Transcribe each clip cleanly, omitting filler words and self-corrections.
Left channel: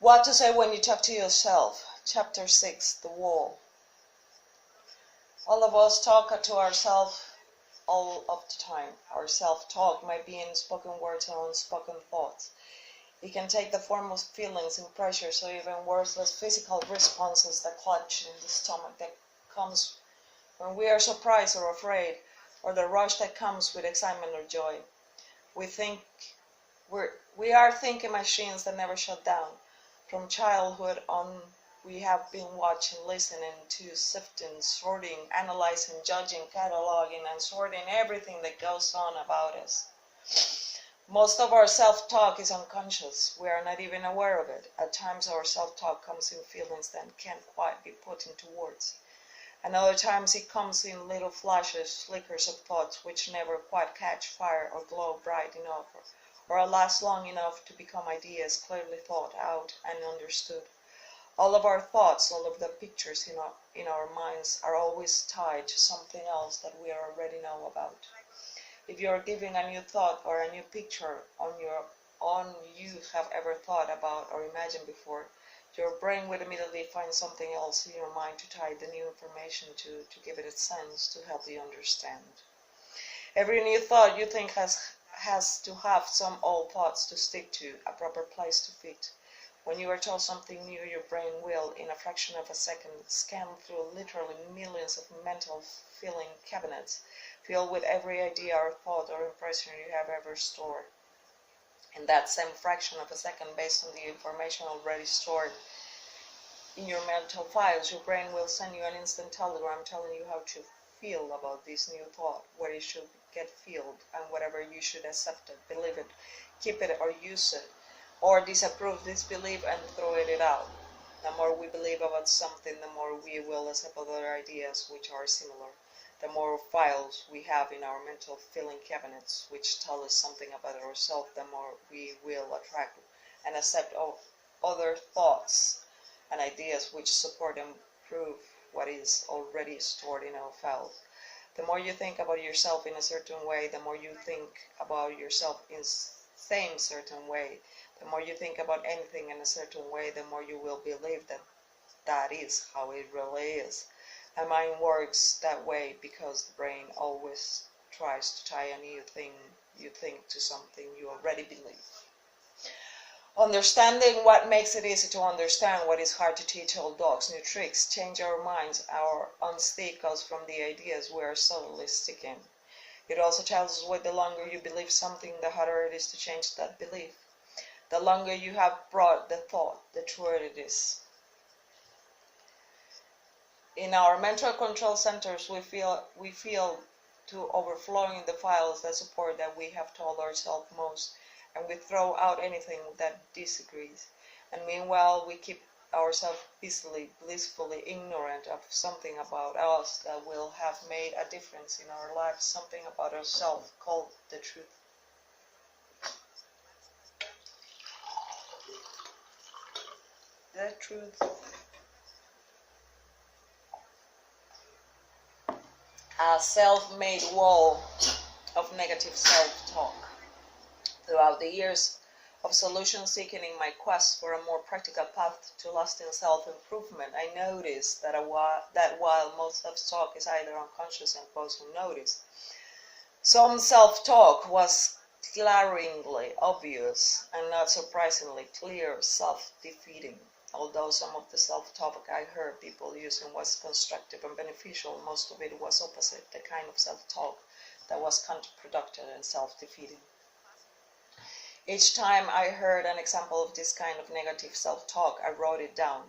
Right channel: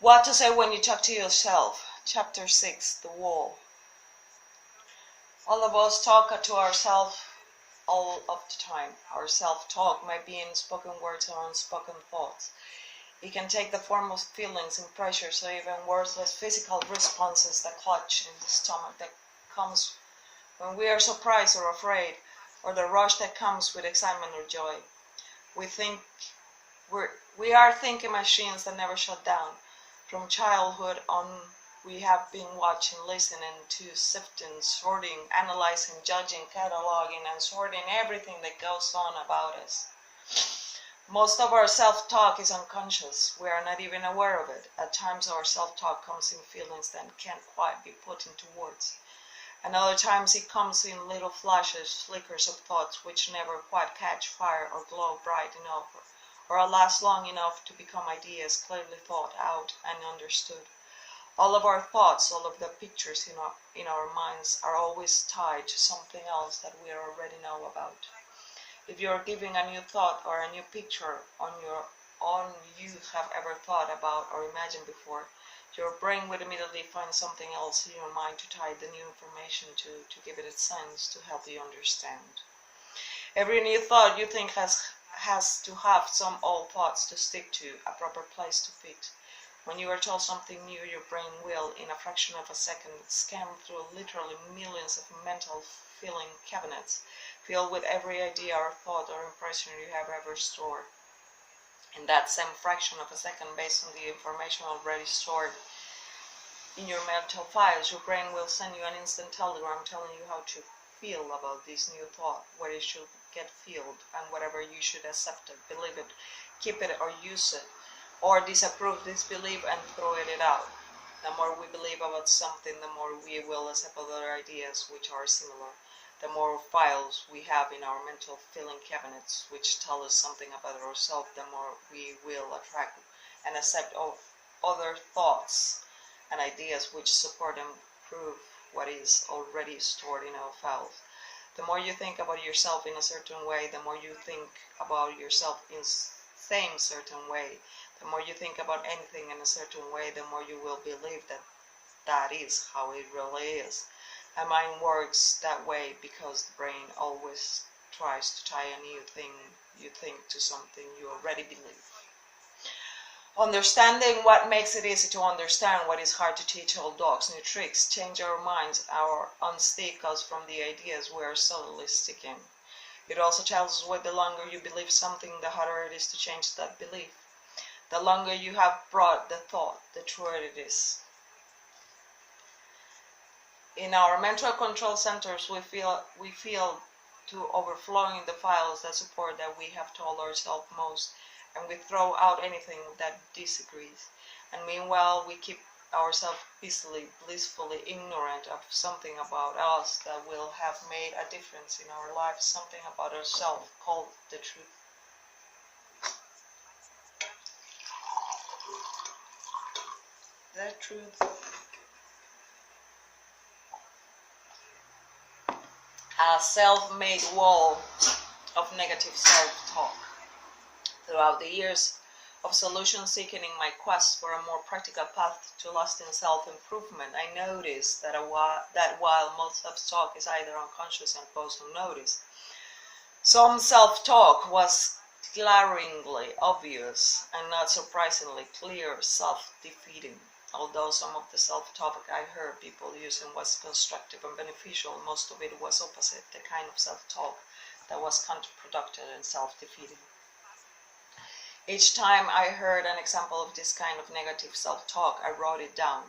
What to say when you talk to yourself. Chapter 6, The Wall. All of us talk to ourselves all of the time. Our self-talk might be in spoken words or unspoken thoughts. It can take the form of feelings and pressures or even worthless physical responses, the clutch in the stomach that comes when we are surprised or afraid, or the rush that comes with excitement or joy. We are thinking machines that never shut down. From childhood on, we have been watching, listening to, sifting, sorting, analyzing, judging, cataloging, and sorting everything that goes on about us. Most of our self-talk is unconscious. We are not even aware of it. At times our self-talk comes in feelings that can't quite be put into words. And other times it comes in little flashes, flickers of thoughts which never quite catch fire or glow bright enough or last long enough to become ideas clearly thought out and understood. All of our thoughts, all of the pictures in our minds are always tied to something else that we already know about. If you're giving a new thought or a new picture on you have ever thought about or imagined before, your brain would immediately find something else in your mind to tie the new information to give it a sense, to help you understand. Every new thought you think has to have some old thoughts to stick to, a proper place to fit. When you are told something new, your brain will, in a fraction of a second, scan through literally millions of mental filing cabinets, filled with every idea or thought or impression you have ever stored. In that same fraction of a second, based on the information already stored in your mental files, your brain will send you an instant telegram telling you how to feel about this new thought, where it should get filled, and whatever you should accept it, believe it, keep it, or use it, or disapprove, disbelieve, and throw it out. The more we believe about something, the more we will accept other ideas which are similar. The more files we have in our mental filing cabinets which tell us something about ourselves, the more we will attract and accept other thoughts and ideas which support and prove what is already stored in our files. The more you think about yourself in a certain way, the more you think about yourself in same certain way. The more you think about anything in a certain way, the more you will believe that that is how it really is. And mind works that way because the brain always tries to tie a new thing you think to something you already believe. Understanding what makes it easy to understand what is hard to teach old dogs new tricks, change our minds, or unstick us from the ideas we are subtly sticking. It also tells us what the longer you believe something, the harder it is to change that belief. The longer you have brought the thought, the truer it is. In our mental control centers, we feel to overflowing the files that support that we have told ourselves most, and we throw out anything that disagrees. And meanwhile, we keep ourselves blissfully ignorant of something about us that will have made a difference in our lives, something about ourselves called the truth. The truth. A self-made wall of negative self-talk. Throughout the years of solution seeking in my quest for a more practical path to lasting self-improvement, I noticed that while most self-talk is either unconscious and goes unnoticed, some self-talk was glaringly obvious and not surprisingly clear, self-defeating. Although some of the self-talk I heard people using was constructive and beneficial, most of it was opposite, the kind of self-talk that was counterproductive and self-defeating. Each time I heard an example of this kind of negative self-talk, I wrote it down.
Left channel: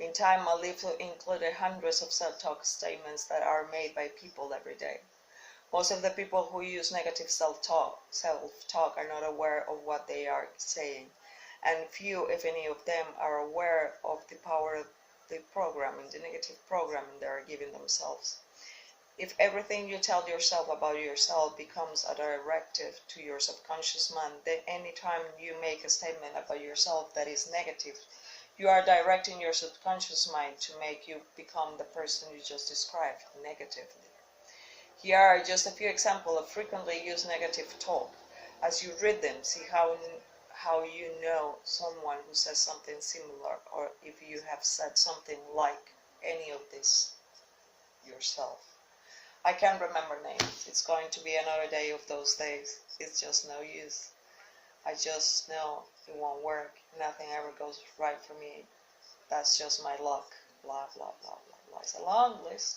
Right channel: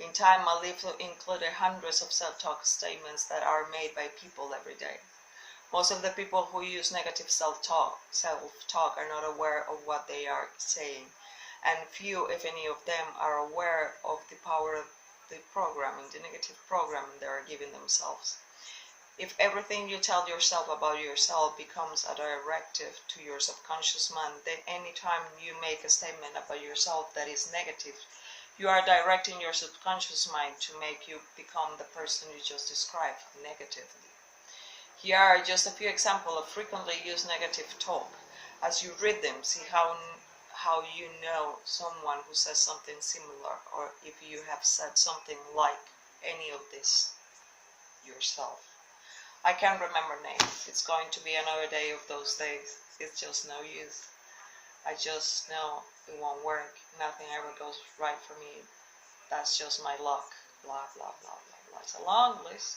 In time, my life included hundreds of self-talk statements that are made by people every day. Most of the people who use negative self-talk are not aware of what they are saying, and few, if any of them, are aware of the power of the programming, the negative programming they are giving themselves. If everything you tell yourself about yourself becomes a directive to your subconscious mind, then any time you make a statement about yourself that is negative, you are directing your subconscious mind to make you become the person you just described negatively. Here are just a few examples of frequently used negative talk. As you read them, see how you know someone who says something similar, or if you have said something like any of this yourself. I can't remember names. It's going to be another day of those days. It's just no use. I just know it won't work. Nothing ever goes right for me. That's just my luck. Blah, blah, blah, blah, blah. It's a long list.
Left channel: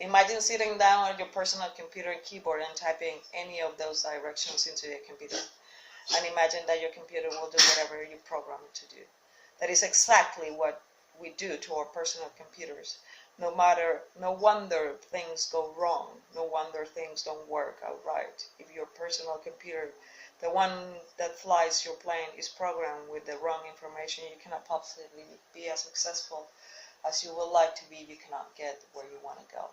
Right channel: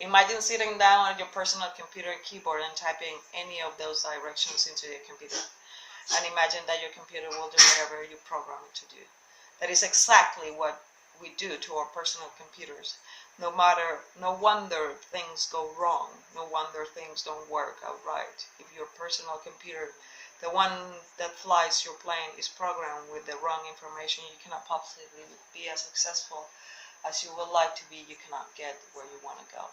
Imagine sitting down at your personal computer and keyboard and typing any of those directions into your computer. And imagine that your computer will do whatever you program it to do. That is exactly what we do to our personal computers. No wonder things go wrong. No wonder things don't work out right. If your personal computer, the one that flies your plane, is programmed with the wrong information, you cannot possibly be as successful as you would like to be. You cannot get where you want to go.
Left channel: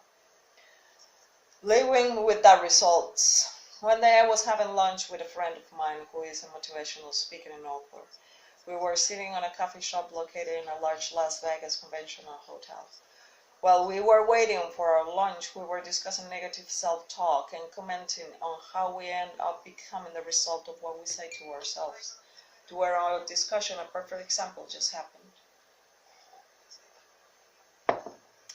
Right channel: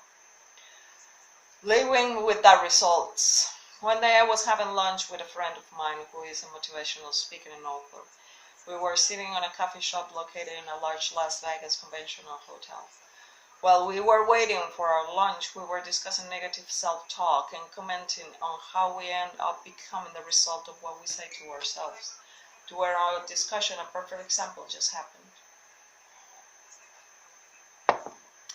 Living with the results. One day I was having lunch with a friend of mine who is a motivational speaker and author. We were sitting on a coffee shop located in a large Las Vegas conventional hotel. While we were waiting for our lunch, we were discussing negative self-talk and commenting on how we end up becoming the result of what we say to ourselves. During our discussion, a perfect example just happened.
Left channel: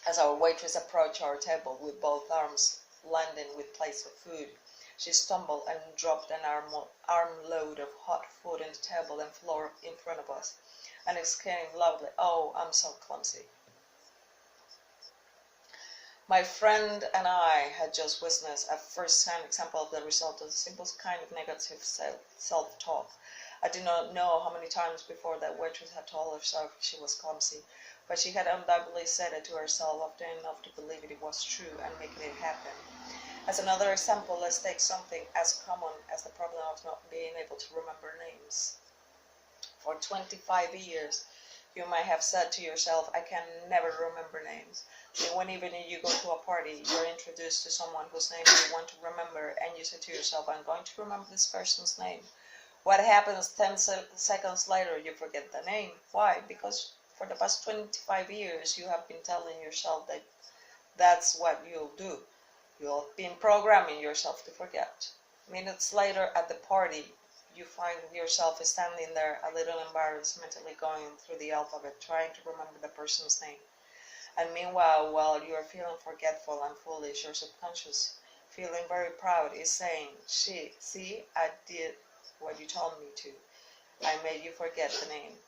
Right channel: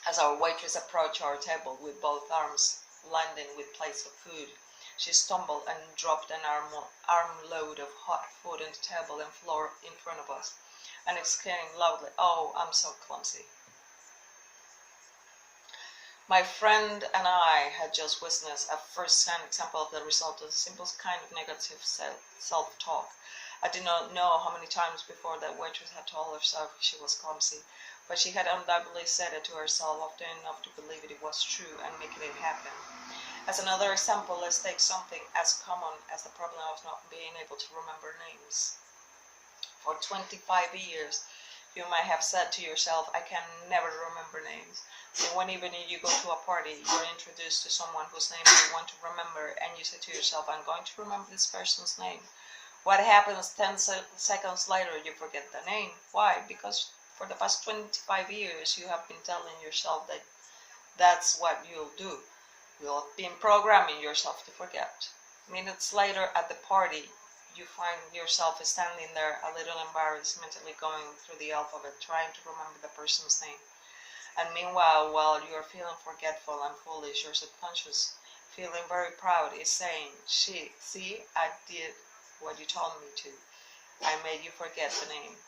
As our waitress approached our table with both arms laden with plates of food, she stumbled and dropped an armload of hot food on the table and floor in front of us, and exclaimed loudly, "Oh, I'm so clumsy." My friend and I had just witnessed a first-hand example of the result of the simplest kind of negative self-talk. I did not know how many times before that waitress had told herself she was clumsy, but she had undoubtedly said it to herself often enough to believe it was true and making it happen. As another example, let's take something as common as the problem of not being able to remember names. For 25 years, you might have said to yourself, "I can never remember names." Then one evening you go to a party, you're introduced to someone whose name you want to remember, and you say to yourself, "I'm going to remember this person's name." What happens 10 seconds later? You forget the name. Why? Because for the past 25 years you have been telling yourself that that's what you'll do. You'll have been programming yourself to forget. Minutes later at the party, you find yourself standing there a little embarrassed, mentally going through the alphabet, trying to remember the person's name. And meanwhile, while you are feeling forgetful and foolish, your subconscious, feeling very proud, is saying, "See, I did what you told me to. I made you forget the name."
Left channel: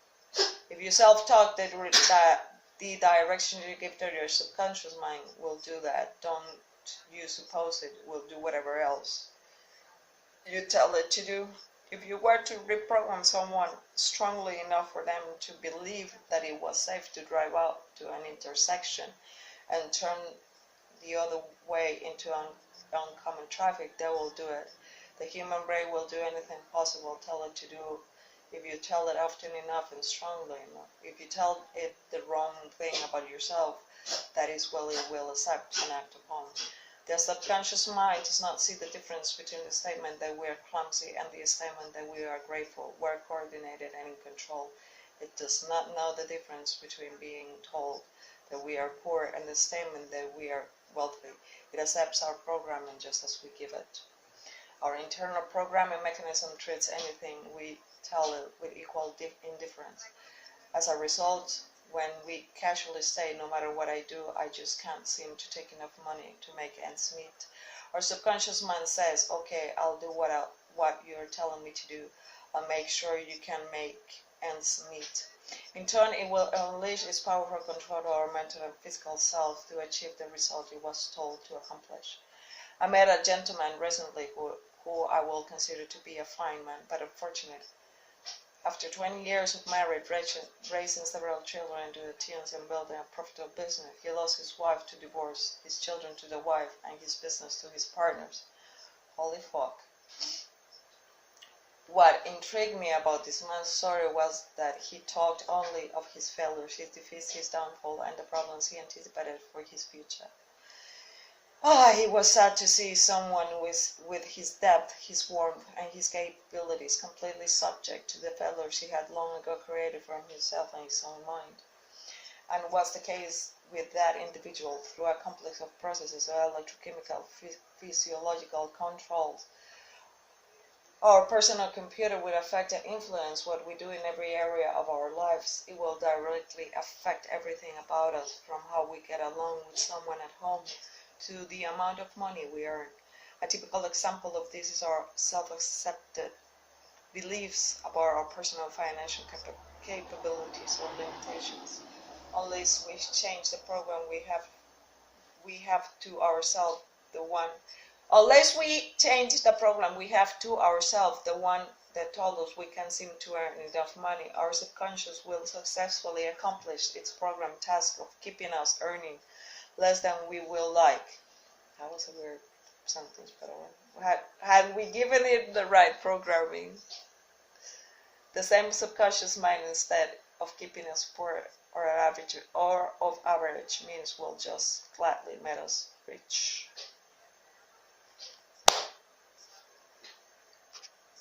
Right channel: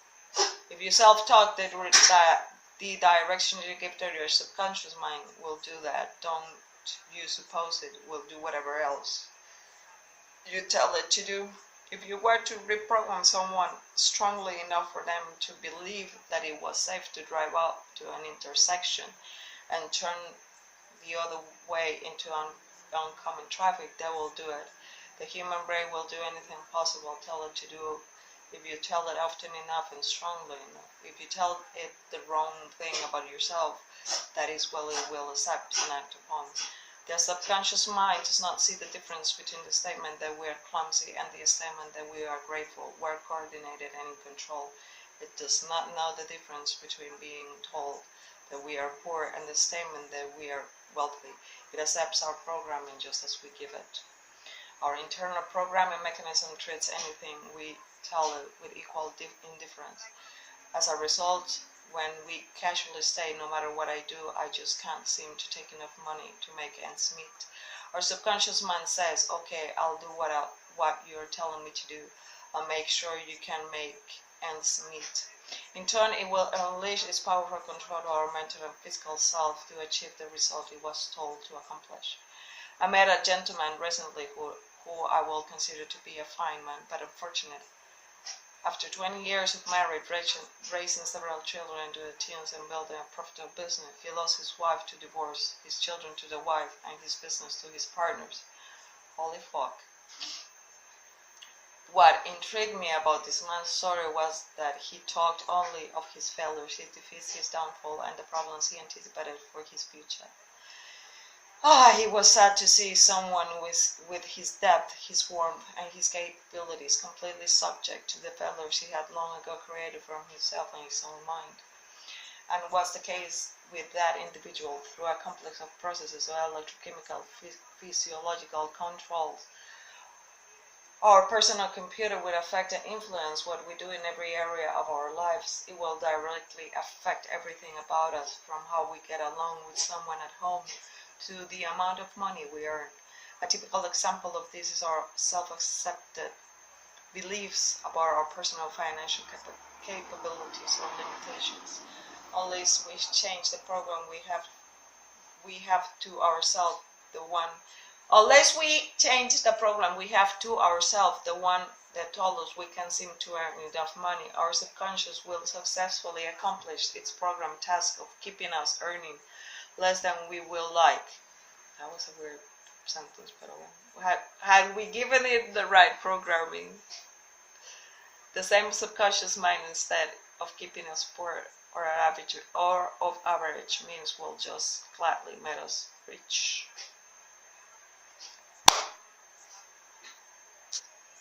If you self-talk, the direction you give to your subconscious mind will do that. Don't you suppose it will do whatever else you tell it to do? If you were to reprogram someone strongly enough for them to believe that it was safe to drive up to an intersection and turn the other way into oncoming traffic, they will do it. The human brain will do anything possible tell it to do if you tell it often enough and strongly enough. If you tell it the wrong thing about yourself, that is what it will accept and act upon. The subconscious mind does not see the difference between the statement that we are clumsy and the statement that we are grateful, we're coordinated and in control. It does not know the difference between being told that we are poor and the statement that we are wealthy. It accepts our programming just as we give it. Our internal programming mechanism treats anything we tell it with equal indifference. As a result, when we casually say, "No matter what I do, I just can't seem to take enough money to make ends meet," our subconscious mind says, "Okay, I'll do what you're telling me to do. I'll make sure you can make ends meet." In turn, it will unleash its powerful control over our mental and physical self to achieve the result it was told to accomplish. I met a gentleman recently who I will consider to be a fine man, but unfortunate. After 20 years of marriage, raising several children into the teens and building a profitable business, he lost his wife to divorce, his children to the wife, and his business to his partners. Holy fuck. What intrigued me about this man's story was that he talked only of his failures, his defeats, his downfall, and the problems he anticipated for his future. He was sad to see someone with his depth, his warmth, and his capabilities completely subject to the failures he had long ago created for himself and his own mind. And was the case with that individual through a complex of processes of electrochemical, physiological controls, Our personal computer will affect and influence what we do in every area of our lives. It will directly affect everything about us, from how we get along with someone at home to the amount of money we earn. A typical example of this is our self-accepted beliefs about our personal financial capabilities or limitations. Unless we change the program we have to ourselves the one unless we change the program we have to ourselves, the one that told us we can seem to earn enough money, our subconscious will successfully accomplish its program task of keeping us earning less than we will like. That was a weird sentence, but had we given it the right programming, the same subconscious mind, instead of keeping us poor or of average means, will just gladly make us rich.